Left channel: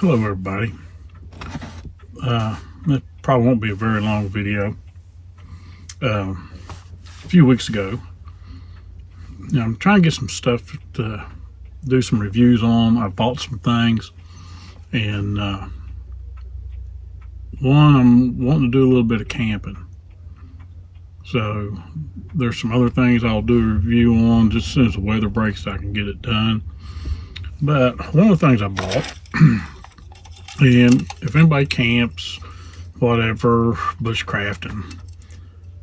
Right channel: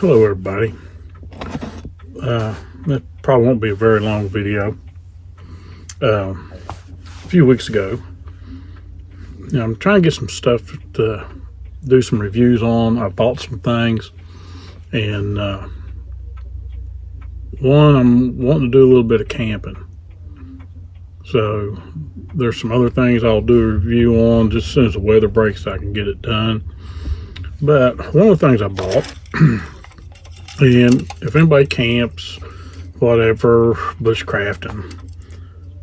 Hello everybody. It probably won't be a very long video. A few weeks ago, I'm trying to get some stuff to do some reviews on. I bought some things, and one, I'm wanting to do a little bit of camping. So there's some other things I'll do a review on just as soon as the weather breaks so I can get it done. But one of the things I bought, and if anybody camps, whatever, bushcrafting,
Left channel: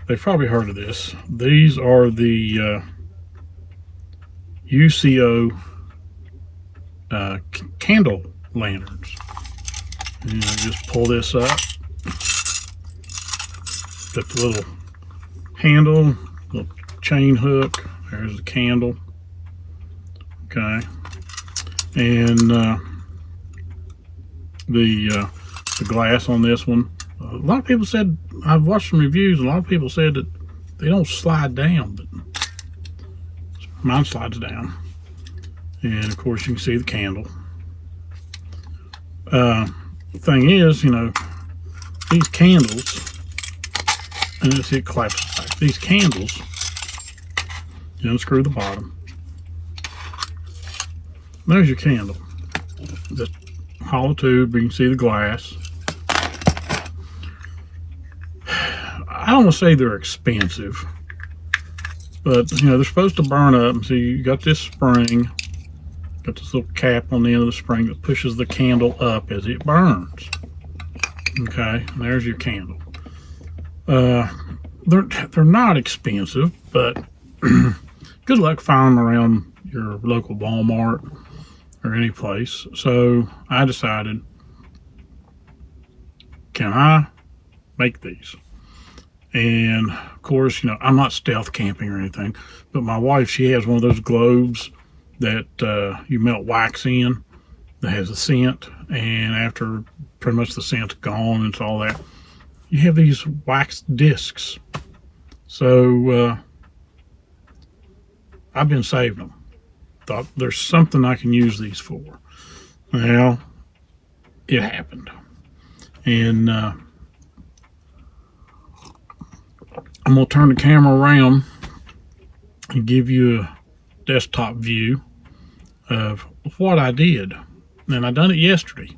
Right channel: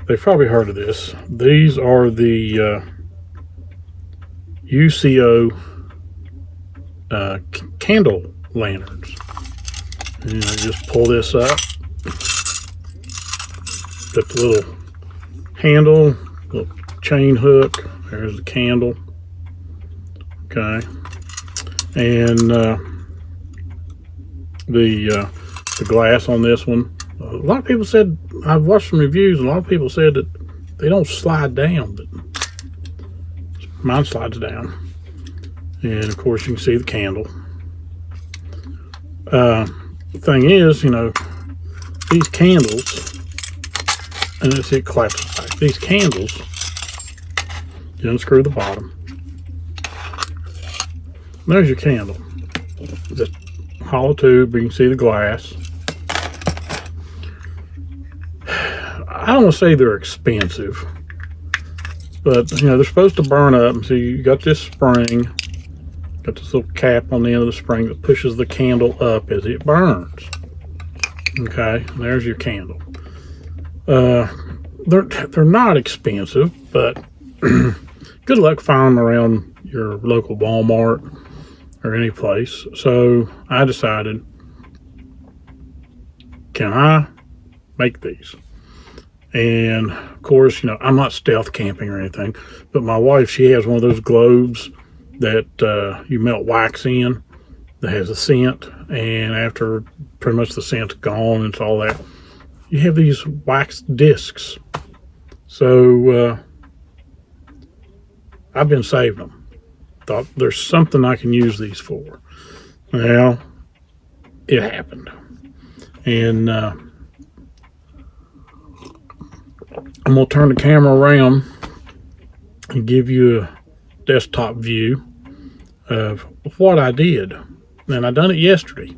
they've probably heard of this. These are the UCO Candle Lanterns. And I just pull this up. Got the little handle, little chain hook. There's the candle. Okay. And the glass on this one. A lot of people said, I've watched some reviews, and a lot of people said that they don't slide down, but mine slides down. And of course you can see the candle. The thing is, these candles, and let's see, it collapses back. These candles, you unscrew the bottom. There's your candle. Just hollow tube, you can see the glass. I don't want to say they're expensive, but they're supposed to burn up. So you got this spring, got this little cap on the end of the spring that pushes the candle up as it burns. Okay, and there's your candle. They're not expensive, but good luck finding them around your local Walmart or any place. So I decided, can I make these? And of course, I'm not stealth camping or anything, but my wife, she has one of those globes that you melt wax in that has a scent, and after pretty much the scent's gone and it's all that, you have these wax discs. So I've been saving them. Thought there's something I can use these for. Well, it happened. And I'm going to turn the camera around and give you a desktop view of what I did. And I done it yesterday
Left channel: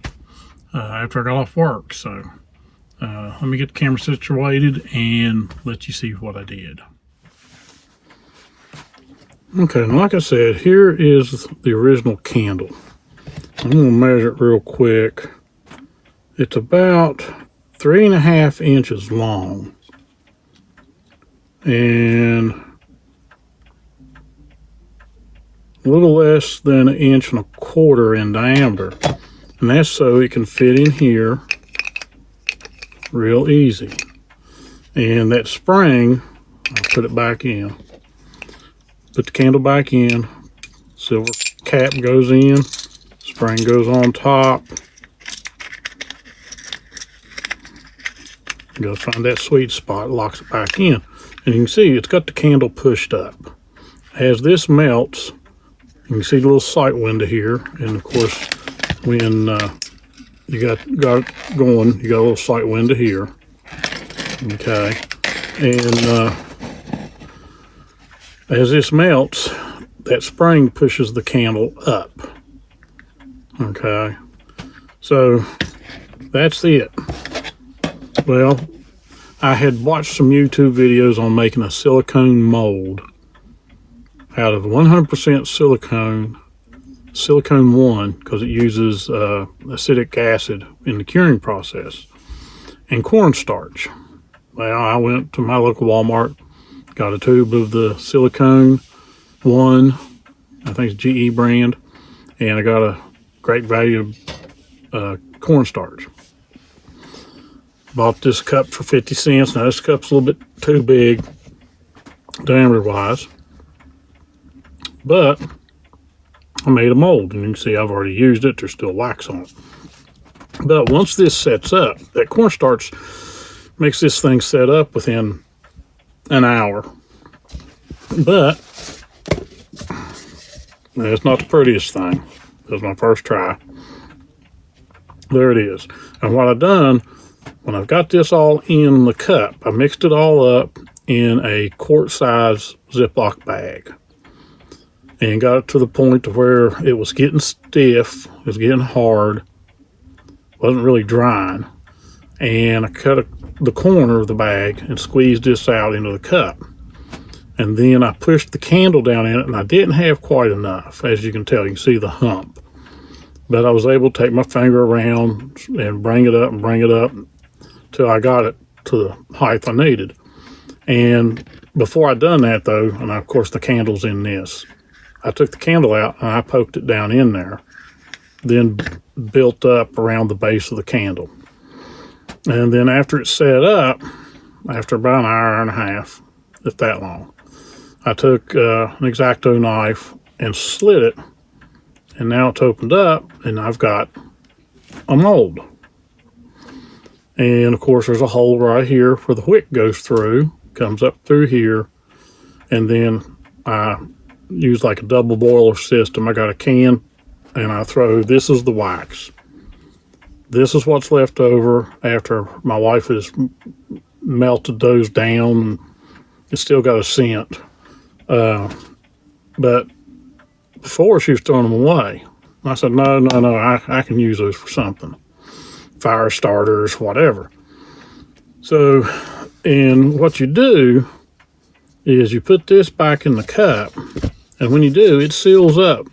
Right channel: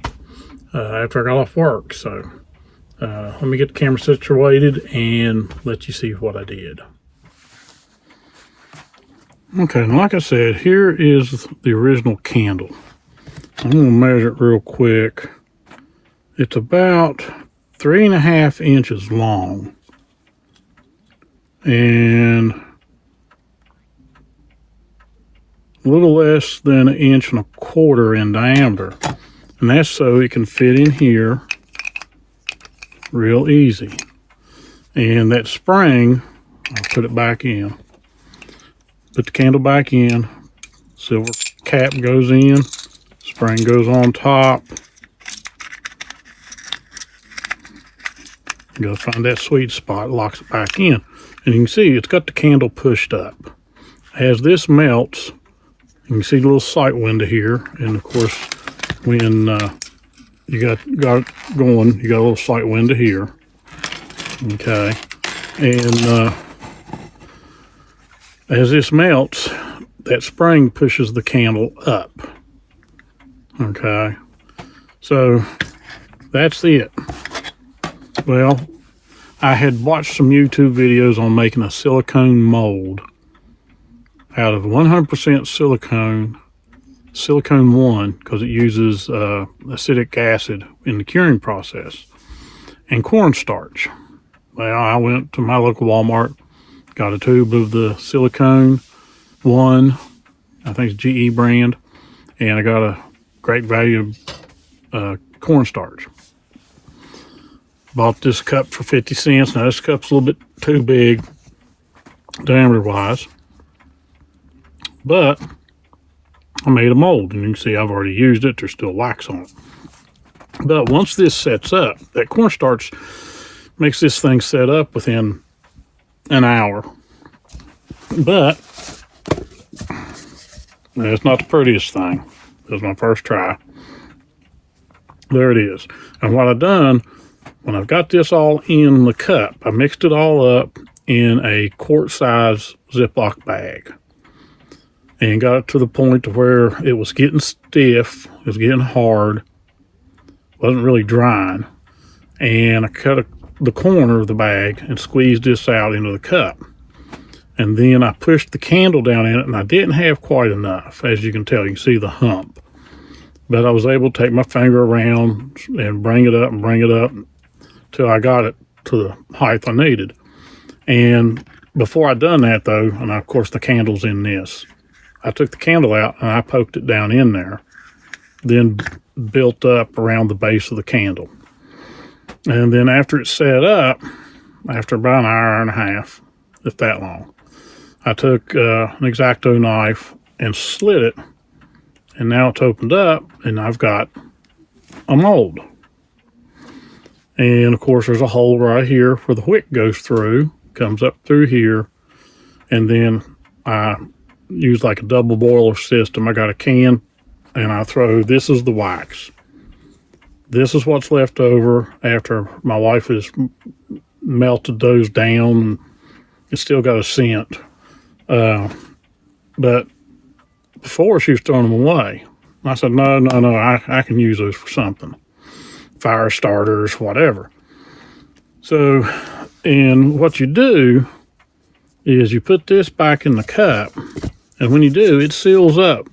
after I got off work. So let me get the camera situated and let you see what I did. Okay, and like I said, here is the original candle. I'm going to measure it real quick. It's about 3.5 inches long and a little less than 1.25 inches in diameter. And that's so it can fit in here real easy. And that spring, I'll put it back in. Put the candle back in, silver cap goes in, spring goes on top. You gotta find that sweet spot, locks it back in. And you can see it's got the candle pushed up. As this melts, you can see the little sight window here, and of course, when you got it going, you got a little sight window here. Okay, and as this melts, that spring pushes the candle up. Okay, so that's it. Well, I had watched some YouTube videos on making a silicone mold out of 100% silicone 1, because it uses acetic acid in the curing process, and cornstarch. Well, I went to my local Walmart, got a tube of the silicone 1, I think it's GE brand, and I got a great value cornstarch. Bought this cup for 50 cents. Now this cup's a little bit too big diameter wise, but I made a mold, and you can see I've already used it. There's still wax on it. But once this sets up, that cornstarch makes this thing set up within an hour. But it's not the prettiest thing. It was my first try. There it is. And what I've done, when I've got this all in the cup, I mixed it all up in a quart-size Ziploc bag and got it to the point to where it was getting stiff, it was getting hard, wasn't really drying. And I cut the corner of the bag and squeezed this out into the cup. And then I pushed the candle down in it, and I didn't have quite enough. As you can tell, you can see the hump. But I was able to take my finger around and bring it up till I got it to the height I needed. And before I done that though, and of course the candle's in this, I took the candle out and I poked it down in there, then built up around the base of the candle. And then after it's set up, after about an hour and a half, if that long, I took an X-Acto knife and slit it, and now it's opened up, and I've got a mold. And of course there's a hole right here where the wick goes through, comes up through here, and then I use like a double boiler system. I got a can, and I throw, this is the wax. This is what's left over after my wife has melted those down. It's still got a scent. But before she was throwing them away. I said, no, I can use those for something. Fire starters, whatever. So, and what you do is you put this back in the cup, and when you do, it seals up.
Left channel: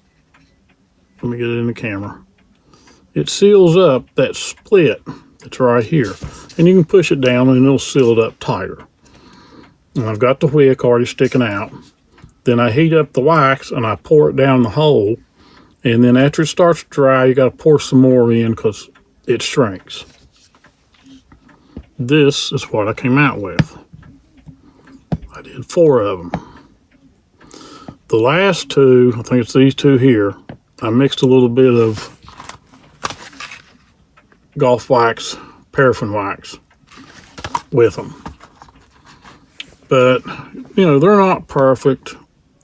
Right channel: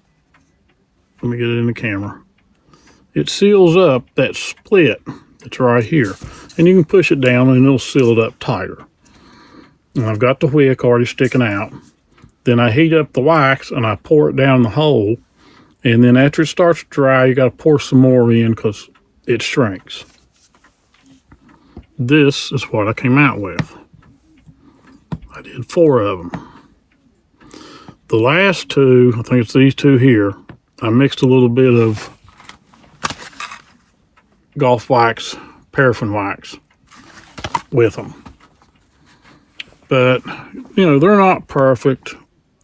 Let me get it in the camera. It seals up that split that's right here. And you can push it down and it'll seal it up tighter. And I've got the wick already sticking out. Then I heat up the wax and I pour it down the hole. And then after it starts to dry, you got to pour some more in because it shrinks. This is what I came out with. I did 4 of them. The last 2, I think it's these 2 here, I mixed a little bit of golf wax, paraffin wax with them. But, you know, they're not perfect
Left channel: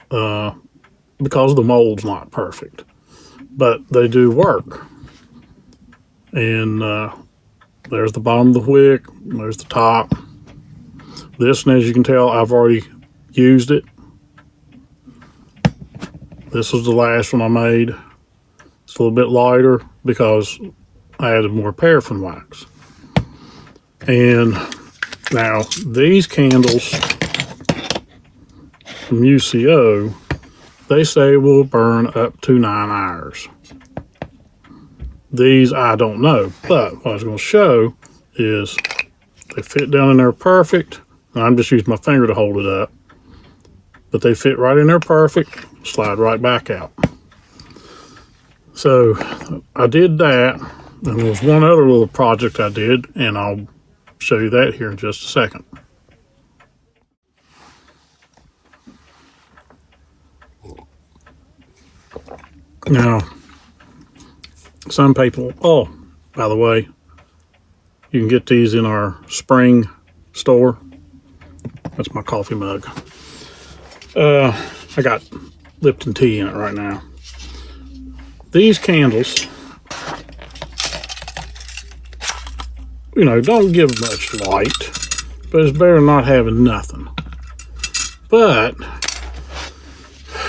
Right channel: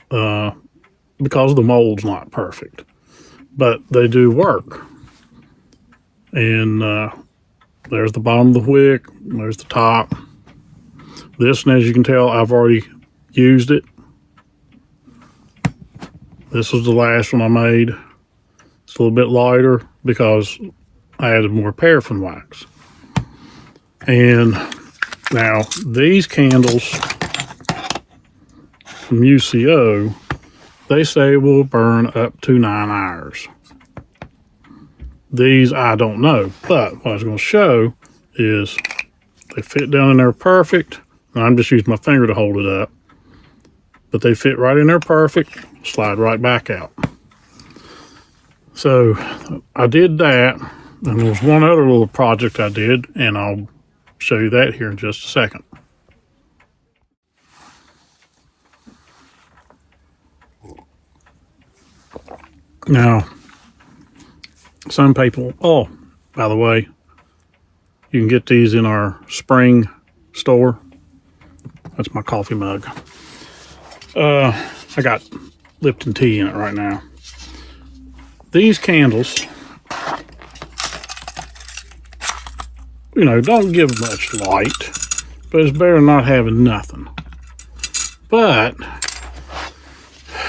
because the mold's not perfect. But they do work. And there's the bottom of the wick, there's the top. This, and as you can tell, I've already used it. This was the last one I made. It's a little bit lighter because I added more paraffin wax. And now these candles from UCO, they say will burn up to 9 hours. These I don't know, but what I was going to show is they fit down in there perfect. And I'm just using my finger to hold it up. But they fit right in there perfect, slide right back out. So I did that, and there was one other little project I did, and I'll show you that here in just a second. Now, some people, oh, by the way, you can get these in our spring store. That's my coffee mug. I got Lipton tea in it right now. These candles, you know, don't give much light, but it's better than not having nothing. But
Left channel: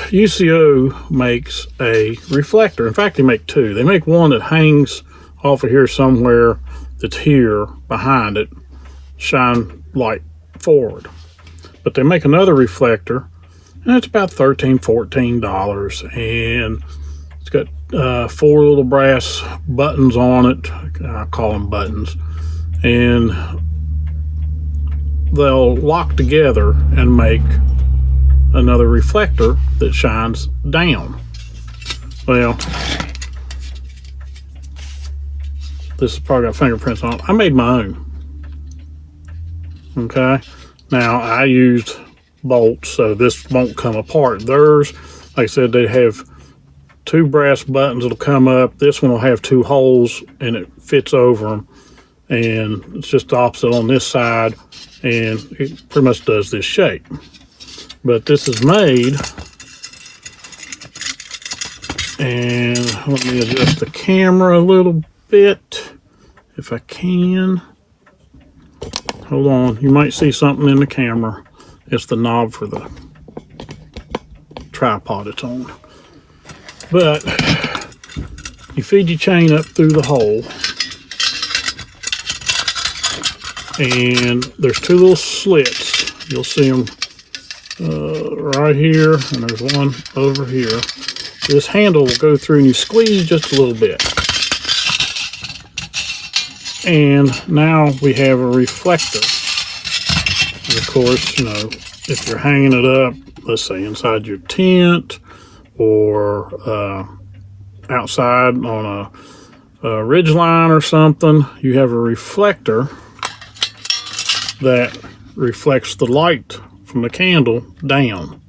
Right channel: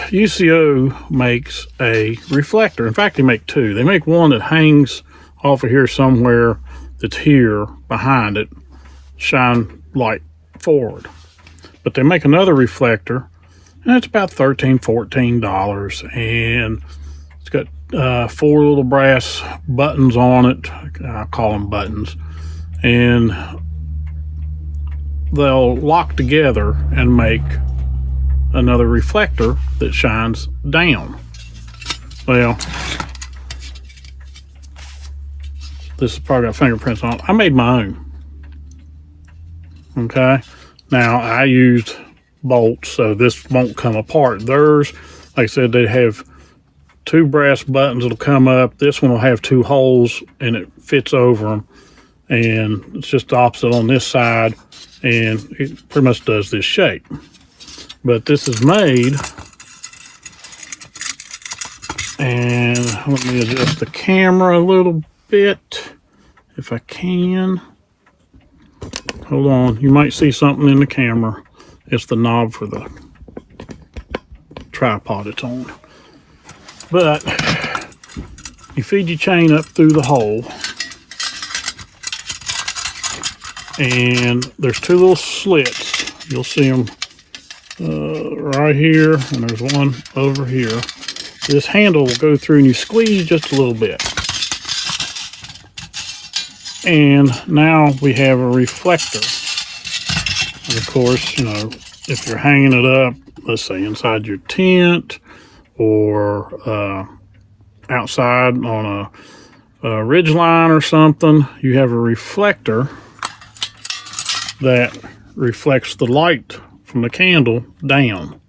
UCO makes a reflector. In fact, they make 2. They make one that hangs off of here somewhere that's here behind it, shine light forward. But they make another reflector, and it's about $13, $14, and it's got 4 little brass buttons on it. I call them buttons, and they'll lock together and make another reflector that shines down. Well, this has probably got fingerprints on it. I made my own. Okay, now I used bolts, so this won't come apart. Theirs, like I said, they have 2 brass buttons that'll come up. This one will have 2 holes, and it fits over them. And it's just the opposite on this side, and it pretty much does this shape. But this is made, and let me adjust the camera a little bit. if I can. Hold on, you might see something in the camera. It's the knob for the tripod it's on. But you feed your chain up through the hole, and there's two little slits. You'll see them right here, and there's one over here. This handle will go through and you squeeze just a little bit. And now we have a reflector. And of course, you know, if you're hanging it up, let's say inside your tent or outside on a ridge line or something, you have a reflector that reflects the light from the candle down.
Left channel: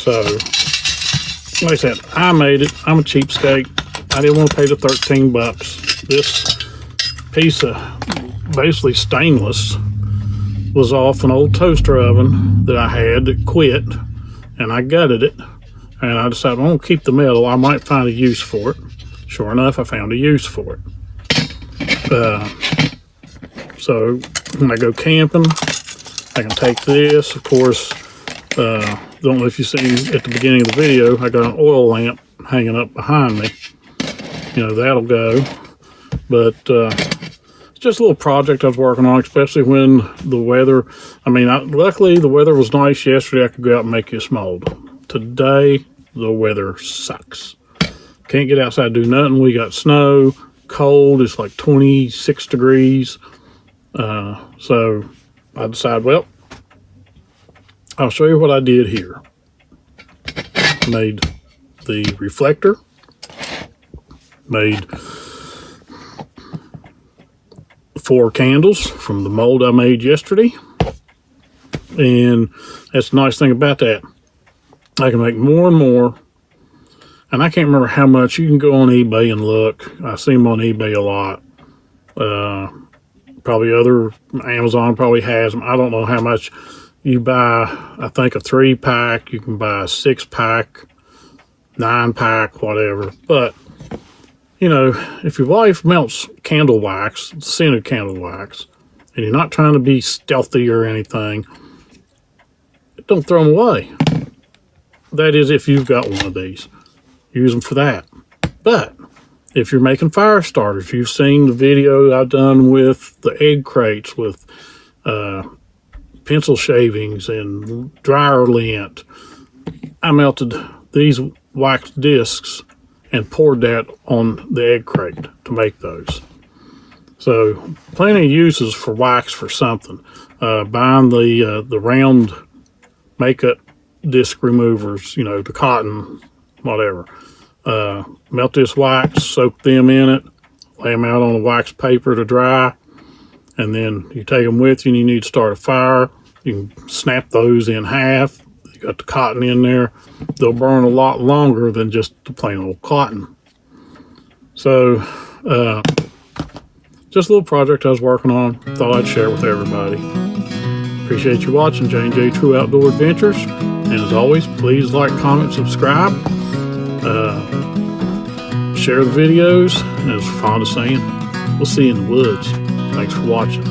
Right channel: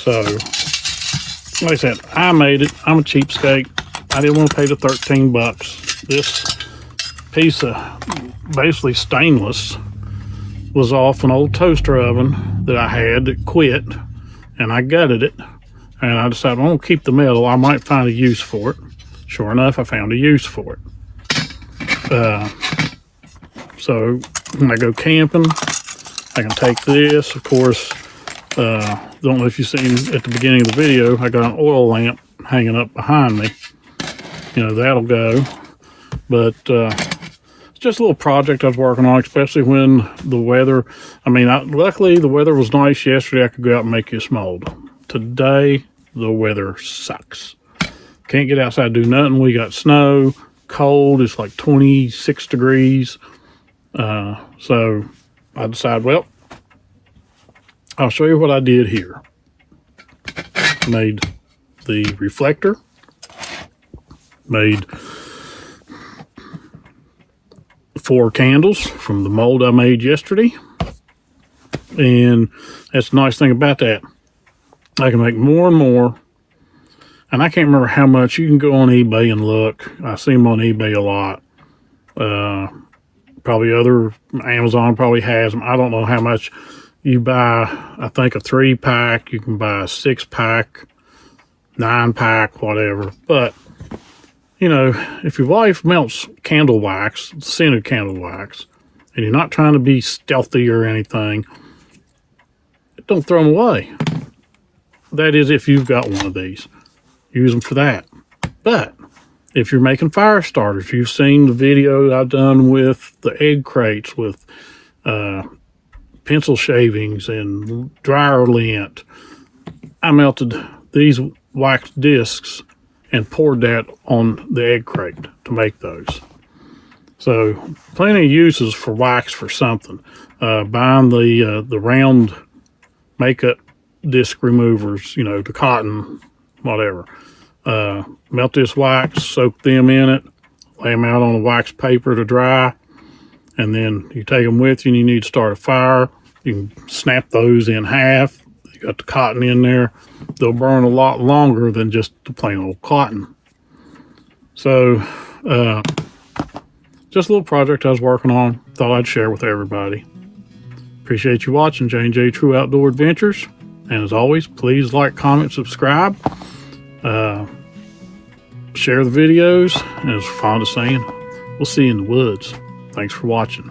So, like I said, I made it. I'm a cheapskate. I didn't want to pay the 13 bucks. This piece of basically stainless was off an old toaster oven that I had that quit, and I gutted it, and I decided I'm going to keep the metal. I might find a use for it. Sure enough, I found a use for it. So when I go camping, I can take this. Of course, don't know if you see at the beginning of the video, I got an oil lamp hanging up behind me. You know, that'll go. But it's just a little project I was working on, especially when the weather, luckily the weather was nice yesterday. I could go out and make this mold. Today, the weather sucks. Can't get outside, do nothing. We got snow, cold, it's like 26 degrees. So I decided, well, I'll show you what I did here. Made the reflector, made 4 candles from the mold I made yesterday. And that's the nice thing about that. I can make more and more. And I can't remember how much. You can go on eBay and look. I see them on eBay a lot. Probably Amazon probably has them. I don't know how much you buy. I think a 3-pack. You can buy a 6-pack, 9-pack, whatever. But, you know, if your wife melts candle wax, scented candle wax, and you're not trying to be stealthy or anything, don't throw them away. That is, if you've got one of these. Use them for that. But if you're making fire starters, you've seen the video I've done with the egg crates with pencil shavings and dryer lint. I melted these wax discs and poured that on the egg crate to make those. So plenty of uses for wax for something. Buying the round makeup disc removers, you know, the cotton, whatever. Melt this wax, soak them in it, lay them out on the wax paper to dry, and then you take them with you and you need to start a fire. You can snap those in half. You got the cotton in there. They'll burn a lot longer than just the plain old cotton. So, just a little project I was working on. Thought I'd share with everybody. Appreciate you watching J&J True Outdoor Adventures. And as always, please like, comment, subscribe. Share the videos, and as fond of saying, we'll see you in the woods. Thanks for watching.